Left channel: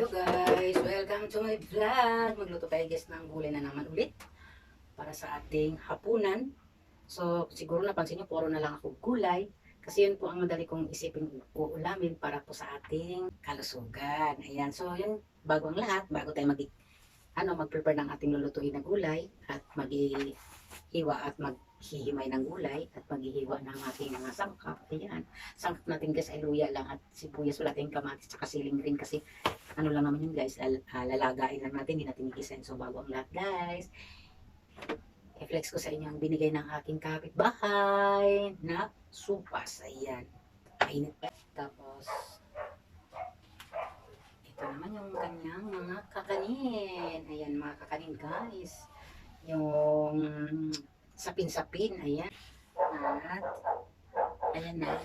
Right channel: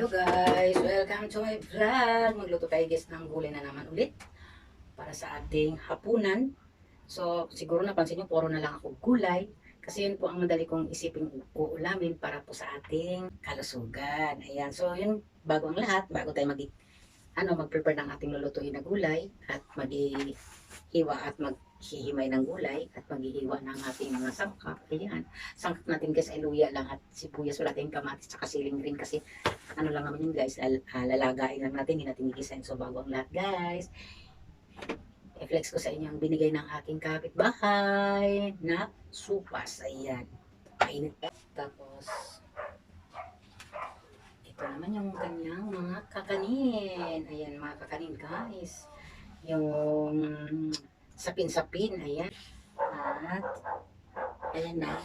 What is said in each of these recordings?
Hello guys! Welcome to my vlog! Magluto tayo guys ng gulay na naman ulit para sa ating hapunan. So siguro napansin nyo, puro na lang ako gulay kasi yun po ang madali kong isipin uulamin para po sa ating kalusugan. Ayan, so yun, bago ang lahat, bago tayo mag-prepare ng ating lulutuin na gulay at maghihiwa at maghihimay ng gulay at maghihiwa ng ating mga sangkap. Ayan, sangkap natin guys ay luya lang at sibuyas, wala tayong kamatis at siling green kasi ano lang naman yun guys, lalagain lang natin, hindi natin igisahin. So bago ang lahat guys, i-flex ko sa inyo ang binigay ng aking kapitbahay na supas. Ayan, kainit pa. Tapos ito naman yung kanyang mga kakanin. Ayan mga kakanin guys, yung sapin-sapin. Ayan, at ayan na,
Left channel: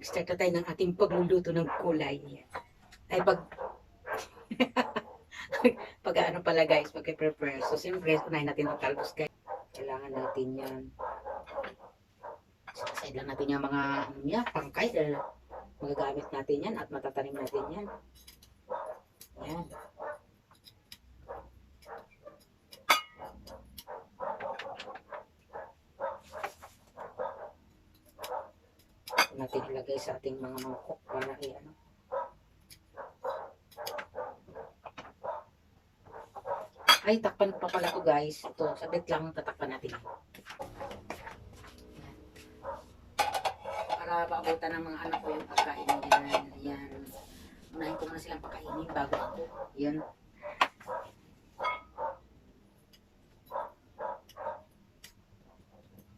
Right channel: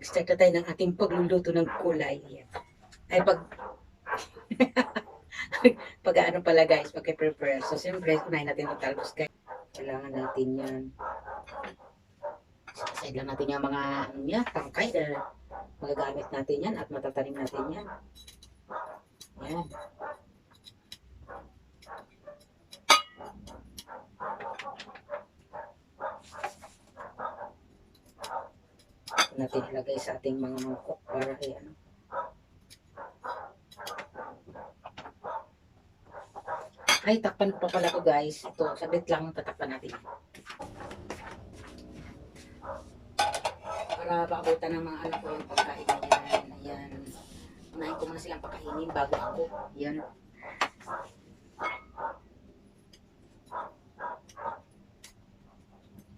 start na tayo ng ating pagluluto ng kulay. Ayan, ay pag-ano pala guys, pag-prepare. So siyempre, unahin natin ang talbos guys. Kailangan natin yan. Side lang natin yung mga ano niya, pangkay dahil magagamit natin yan at matatanim natin yan. Ayan. Ito natin ilagay sa ating mga mangkok para ay ano. Ay, takpan pa pala to guys. Ito, sabit lang tatakpan natin. Para paabutan ng mga anak ko yung pagkain na yan. Ayan. Unahin ko muna silang pakainin bago ako. Yan.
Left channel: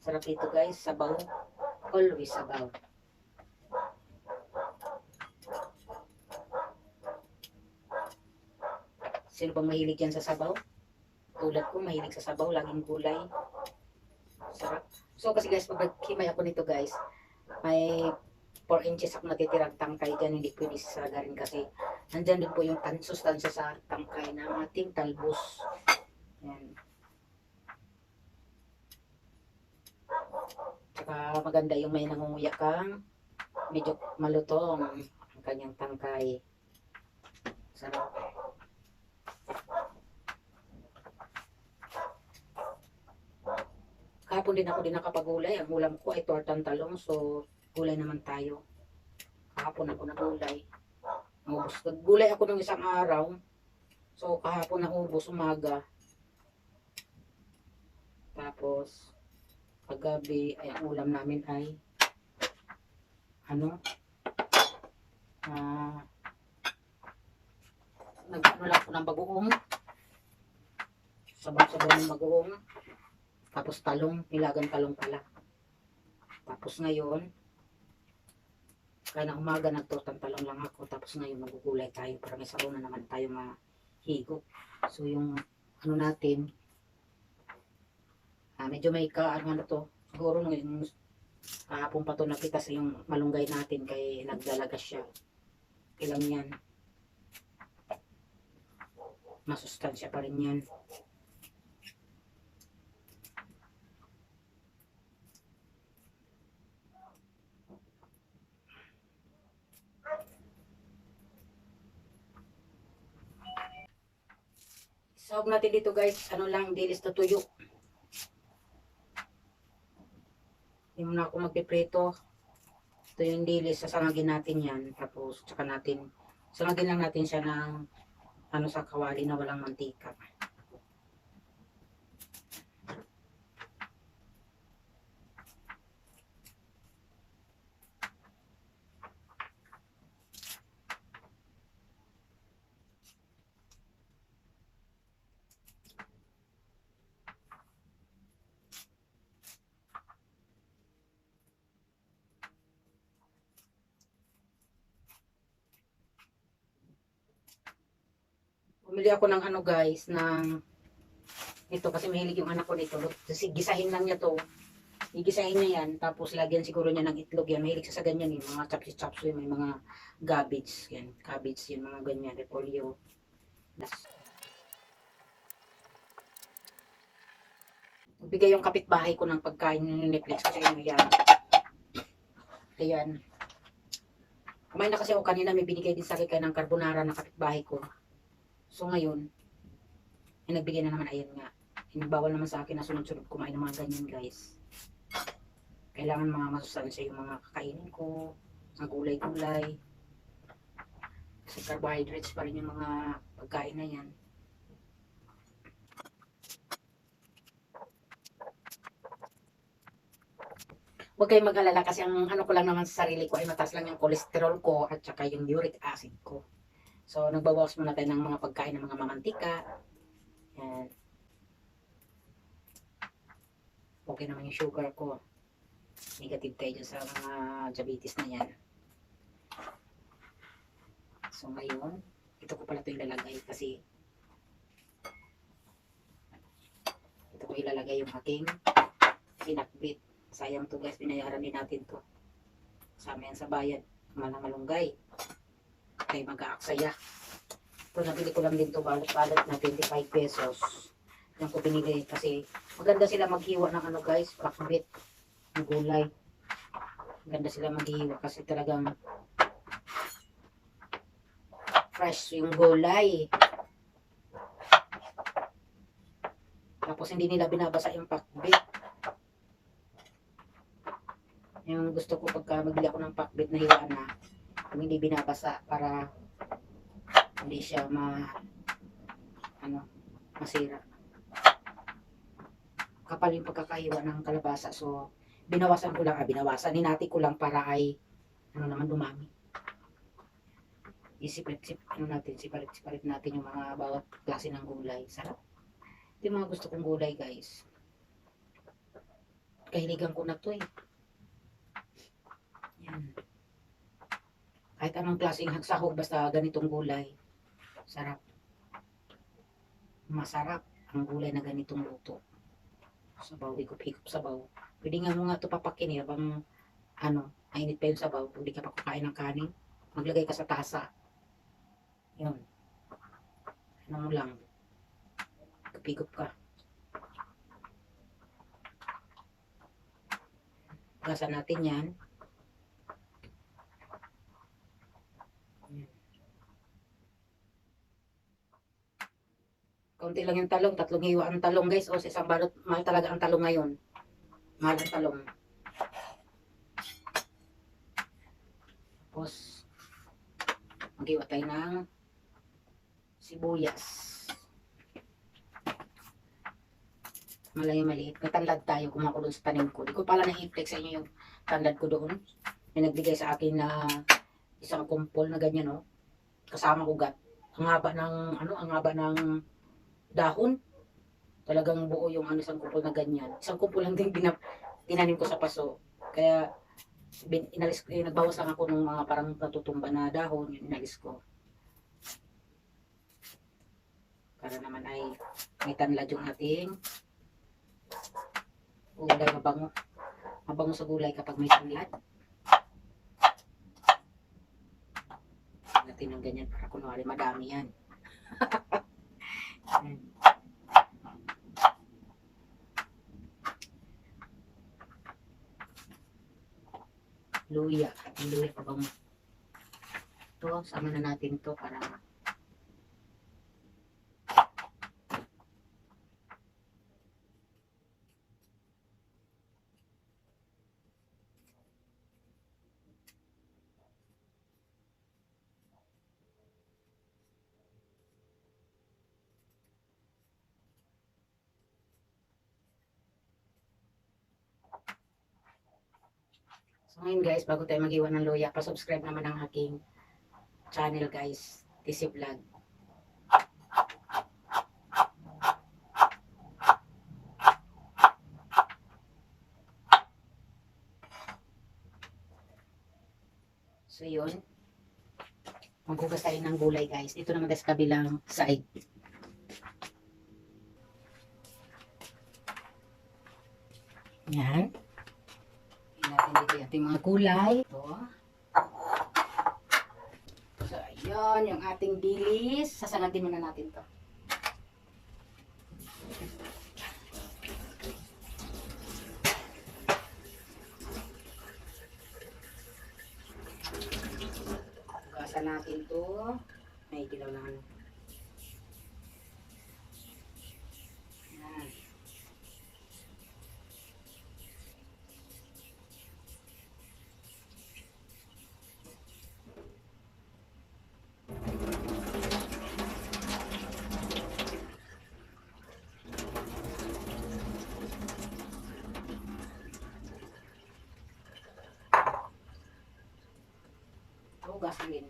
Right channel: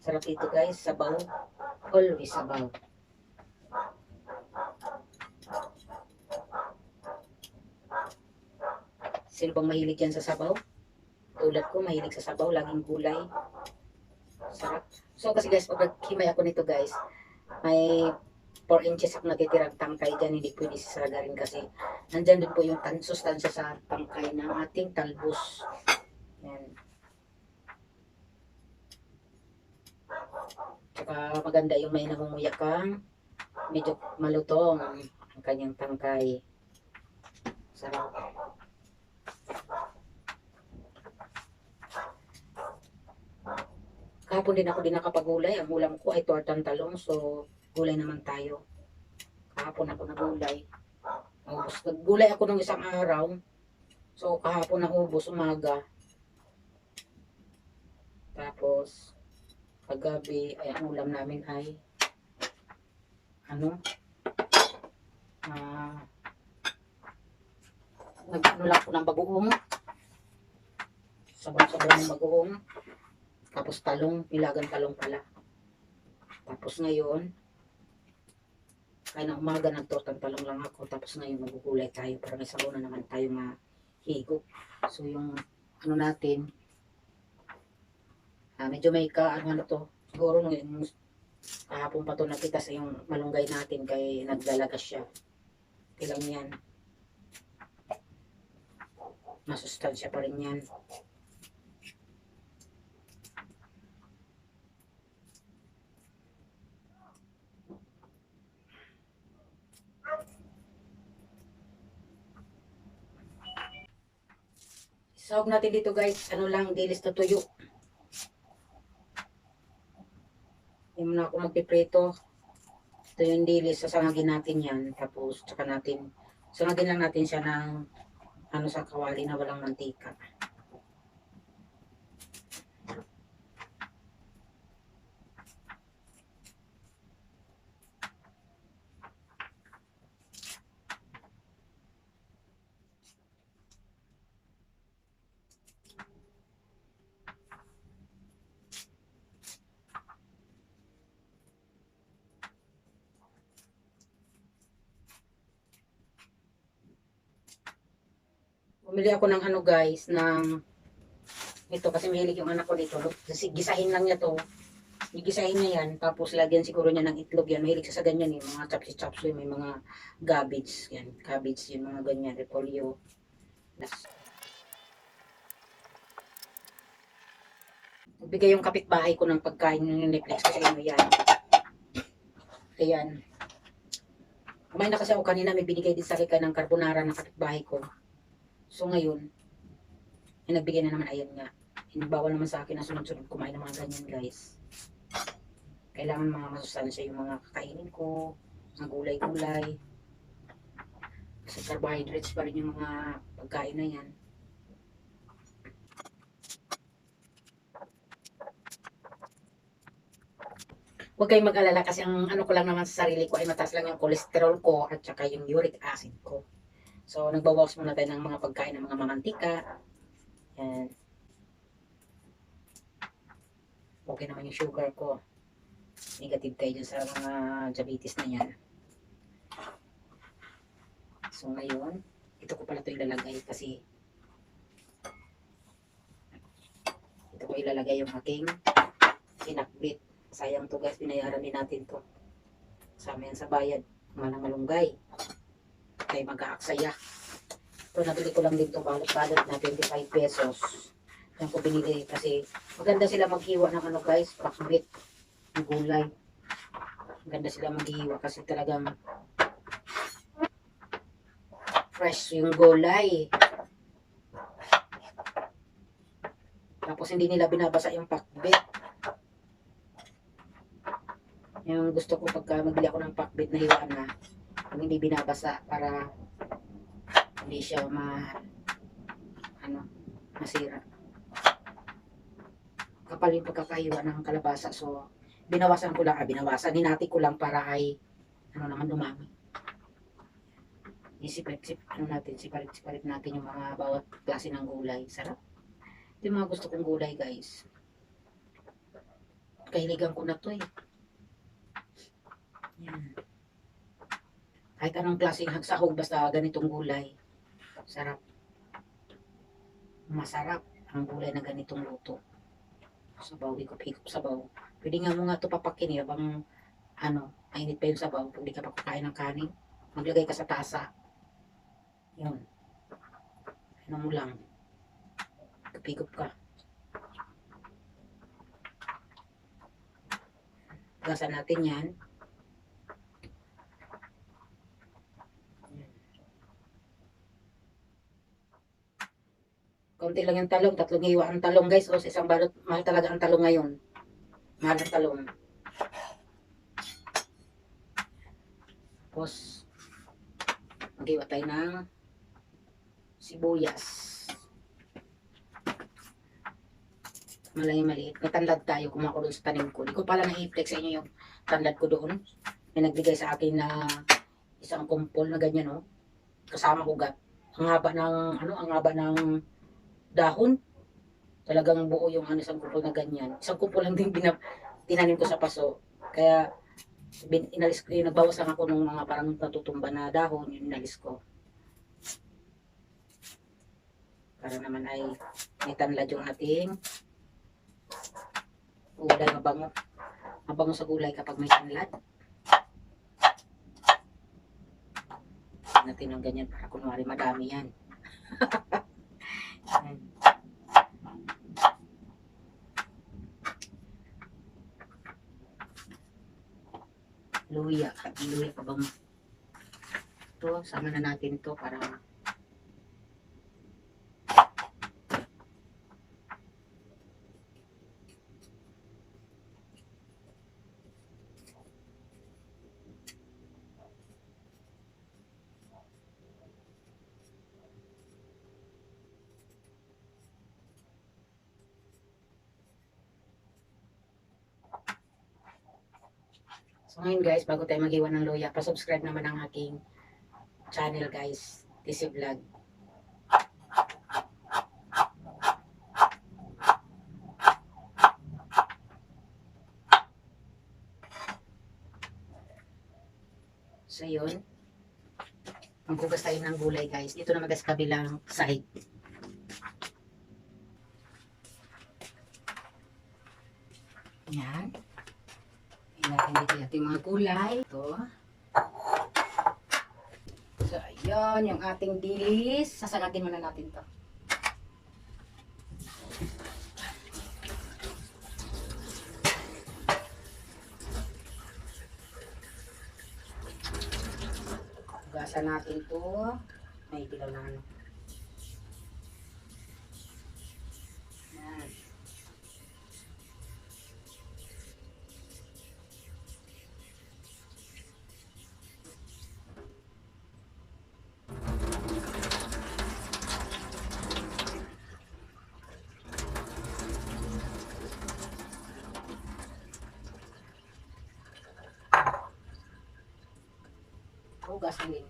Sarap ito guys, sabaw. Always sabaw. Sino bang mahilig yan sa sabaw? Tulad ko, mahilig sa sabaw, laging gulay. Sarap. So kasi guys, pag himay ako nito guys, may 4 inches ako natitirang tangkay dyan, hindi pwede sasagarin kasi nandyan din po yung sustansya sa tangkay ng ating talbos. Yan. Tsaka maganda yung may nangunguya kang medyo malutong ang kanyang tangkay. Sarap. Kahapon din ako nakapagulay. Ang ulam ko ay tortang talong. So, gulay naman tayo. Kahapon ako nagulay. Ubus. Naggulay ako ng isang araw. So, kahapon naubos umaga. Tapos, paggabi, ay ang ulam namin ay ano? Nag-ano lang ako ng bagoong. Sabaw-sabaw ng bagoong. Tapos talong, nilagang talong pala. Tapos ngayon, kaya na umaga nagtortang talong lang ako. Tapos ngayon magugulay tayo para may sabaw na naman tayo mahigop. So yung ano natin, medyo may ano to. Siguro ngayon, kahapon pa to nakita sa yung malunggay natin kay nagdalaga siya. Ilang yan. Masustansya pa rin yan. Sahog natin dito guys, ano lang, dilis na tuyo. Hindi mo na ako magpiprito. Ito yung dilis, sasangagin natin yan. Tapos, tsaka natin, sangagin lang natin siya ng ano sa kawali na walang mantika. Bumili ako ng ano guys, ng ito kasi mahilig yung anak ko dito. Gisahin lang niya to. Gigisahin niya yan. Tapos lagyan siguro niya ng itlog yan. Mahilig sa ganyan eh. Mga chapsi-chapsi, may mga cabbage. Yan. Cabbage yun. Mga ganyan. Repolyo. Bigay yung kapitbahay ko ng pagkain ng Netflix kasi ano yan. Ayan. Kumain na kasi ako kanina, may binigay din sa akin ng carbonara ng kapitbahay ko. So ngayon, yung nagbigay na naman, ayan nga. Bawal naman sa akin na sunod-sunod kumain ng mga ganyan, guys. Kailangan mga masustansya yung mga kakainin ko, mga gulay-gulay. Kasi carbohydrates pa rin yung mga pagkain na yan. Huwag kayong mag-alala kasi ang ano ko lang naman sa sarili ko ay mataas lang yung cholesterol ko at saka yung uric acid ko. So, nagbabawas muna tayo ng mga pagkain ng mga mamantika. Yan. Okay naman yung sugar ko. Negative tayo dyan sa mga diabetes na yan. So, ngayon, ito ko pala ito ilalagay kasi ito ko ilalagay yung aking sinakbit. Sayang to guys, binayaran din natin to. Kasama yan sa bayad. Mga malunggay. Kaya mag-aaksaya. Ito, nabili ko lang din to balot-balot na 25 pesos. Yan ko binili kasi maganda sila maghiwa ng ano guys, pakbit. Ng gulay. Maganda sila maghiwa kasi talagang fresh yung gulay. Tapos hindi nila binabasa yung pakbit. Yung gusto ko pagka magbili ako ng pakbit na hiwaan na, hindi binabasa para hindi siya masira. Kapal yung pagkakahiwa ng kalabasa. So, binawasan ko lang, hinati ko lang para ay, naman dumami. Sipalit natin yung mga bawat klase ng gulay. Sarap. Ito yung mga gusto kong gulay, guys. Kahiligan ko na to eh. Yan. Kahit anong klaseng hagsahog, basta ganitong gulay. Sarap. Masarap ang gulay na ganitong luto. Sabaw, higop-higop sabaw. Pwede nga mo nga ito papakin eh, habang mainit pa yung sabaw. Pag di ka pa kukain ng kanin, maglagay ka sa tasa. Yun. Ano mo lang. Higop ka. Gasan natin yan. Kaunti lang yung talong, 3 hiwa ang talong guys. O sa isang balot, mahal talaga ang talong ngayon. Mahal ang talong. Tapos, maghiwa tayo ng sibuyas. Maliit. Natandad tayo, kumako doon sa tanim ko. Di ko pala na-i-flex sa inyo yung tandad ko doon. May nagbigay sa akin na isang kumpol na ganyan, no? Kasama ugat. Ang haba ng dahon. Talagang buo yung isang kumpol na ganyan. Isang kumpol lang din tinanim ko sa paso. Kaya inalis ko, nagbawas lang ako ng mga parang natutumba na dahon, inalis ko. Para naman ay may tanlad yung ating gulay, mabango. Mabango sa gulay kapag may tanlad. Natin ng ganyan para kunwari madami yan. Luya pa bang ito, sama na natin to para so ngayon guys, bago tayo mag-iwan ng luya, pa-subscribe naman ang aking channel guys, TC Vlog. So yun, maghugas tayo ng gulay guys. Dito naman sa kabilang side. Yan. Natin dito yung ating mga gulay. Ito. So, ayun, yung ating bilis. Sasangatin muna natin to. Igisa natin to. May dilaw na ano. Yan. Hugas din.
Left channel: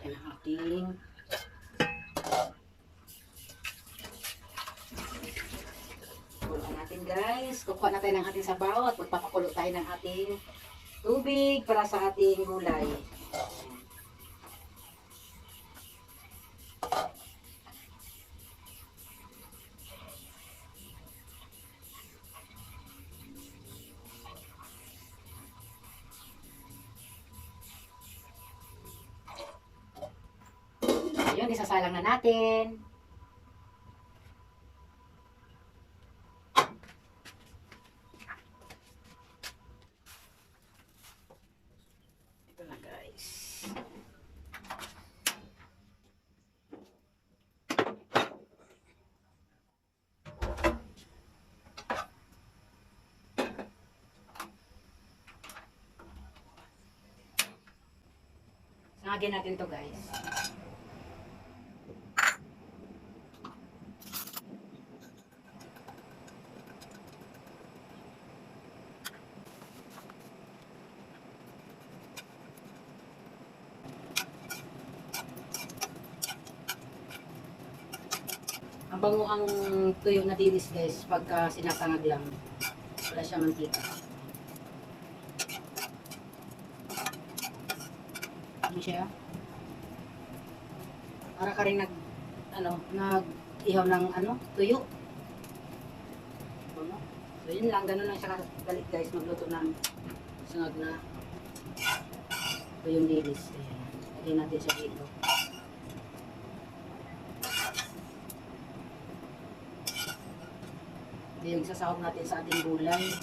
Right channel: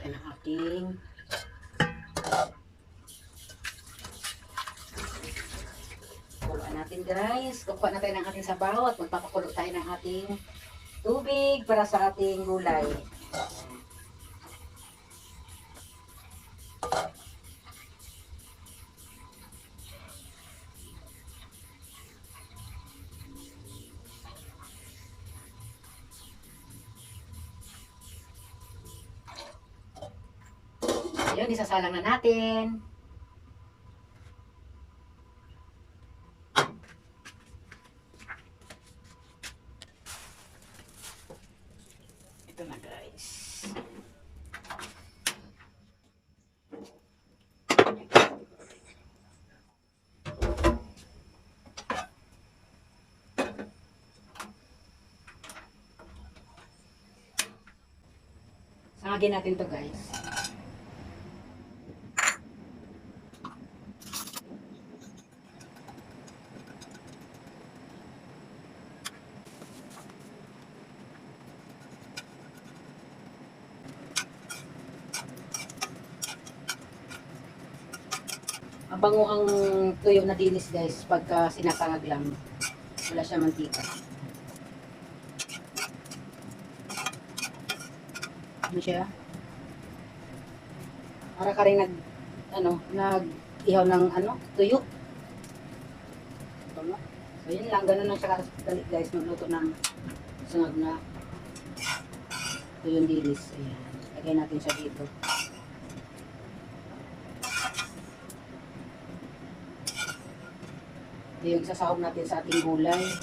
Yan ang ating kuluan natin guys. Kukuha na tayo ng ating sabaw at magpapakulo tayo ng ating tubig para sa ating gulay. Ayun, isasalang na natin. Ito na guys. Sangagin natin to guys. Ang bango ang tuyo na dinis guys pagka sinasangag lang. Wala siya mantika. Ano siya? Para ka rin nag-ihaw ng tuyo. Bango. So yun lang, ganun lang siya kalit guys, magluto ng sangag na tuyong dinis. Ayan. Lagay natin siya dito. Ito yung sasahog natin sa ating gulay.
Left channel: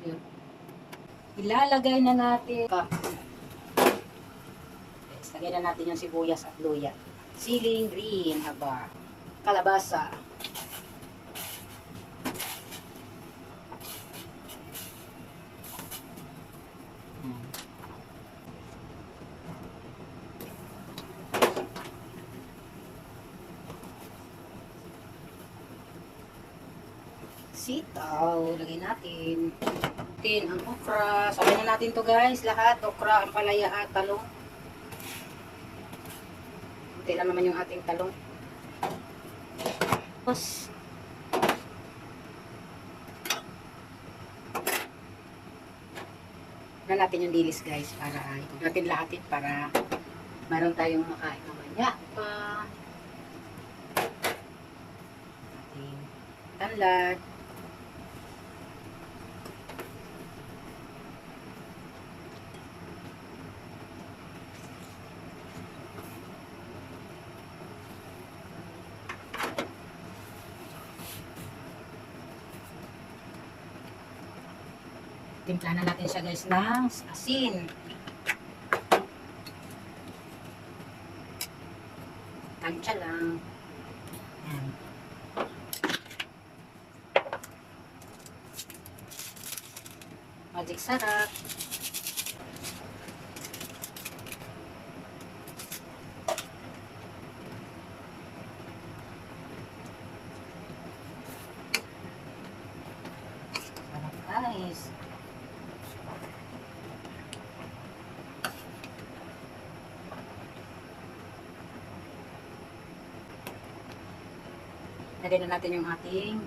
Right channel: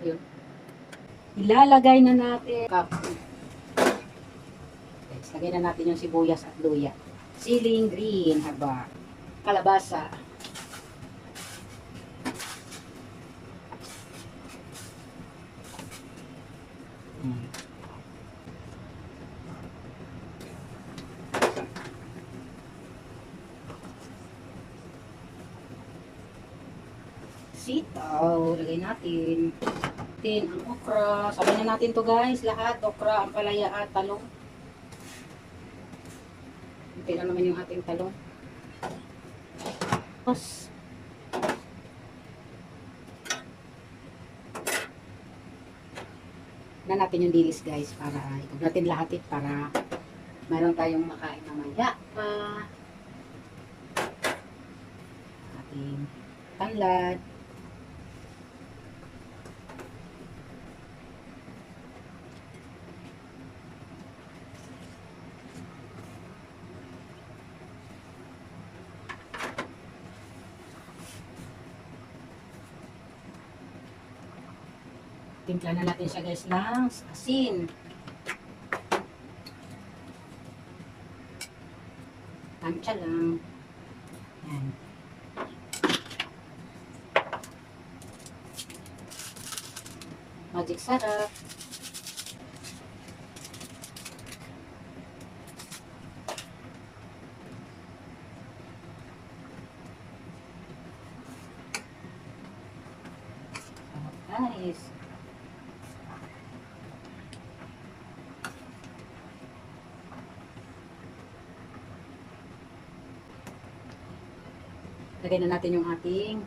So, ilalagay na natin. Lagay na natin yung sibuyas at luya. Siling green, haba. Kalabasa. Sitaw, lagay natin. Ang okra. Sabay na natin to guys, lahat. Okra, ampalaya at talong. Kunti lang naman yung ating talong. Tapos, na natin yung dilis guys para huwag natin lahatin para meron tayong makain mamaya pa. Ating tanlad. Timpla na natin siya guys ng asin. Tansya lang. Ayan. Magic sarap. guys. Lagay na natin yung ating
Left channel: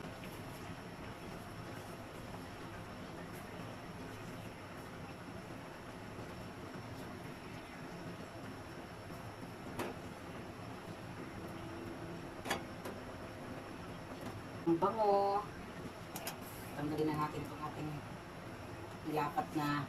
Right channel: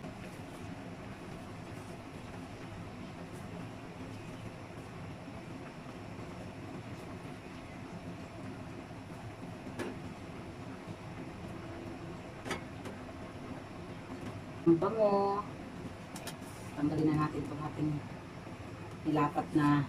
ang bango. Tanggalin na natin itong ating nilapat na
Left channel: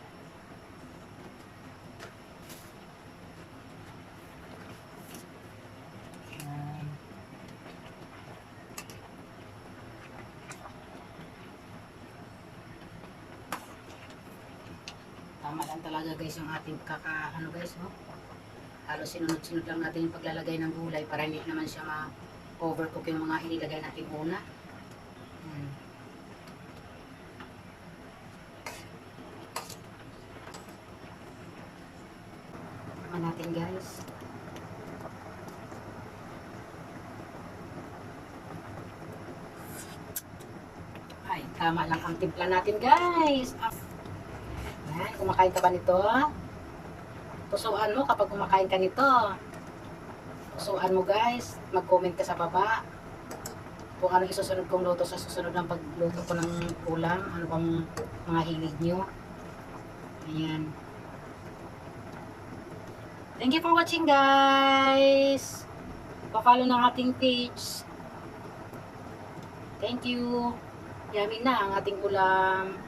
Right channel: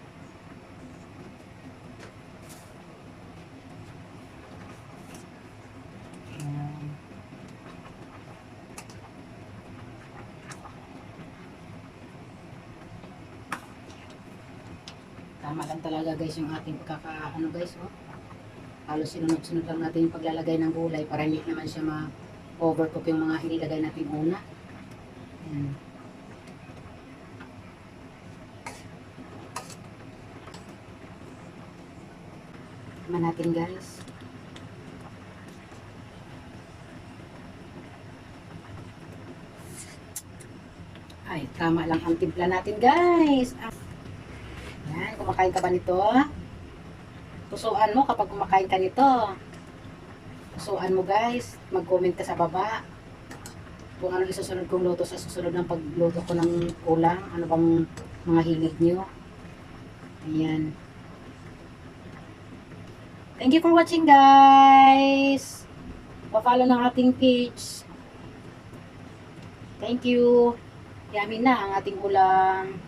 tama lang talaga guys yung ating ano guys, oh. Halos sinunod-sunod lang natin yung paglalagay ng gulay para hindi naman siya ma-overcook yung mga inilagay natin una. Yan. Tama natin guys. Ay, tama lang ang timpla natin guys. Yan, kumakain ka ba nito? Pusuan mo kapag kumakain ka nito. Pusuan mo guys. Mag-comment ka sa baba kung ano isusunod kong luto sa susunod ng pagluto ko ng ulam. Ano bang mga hilig nyo. Ayan. Thank you for watching guys. Pa-follow ng ating page. Thank you. Yummy na ang ating ulam.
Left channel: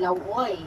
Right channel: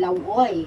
Lauoy.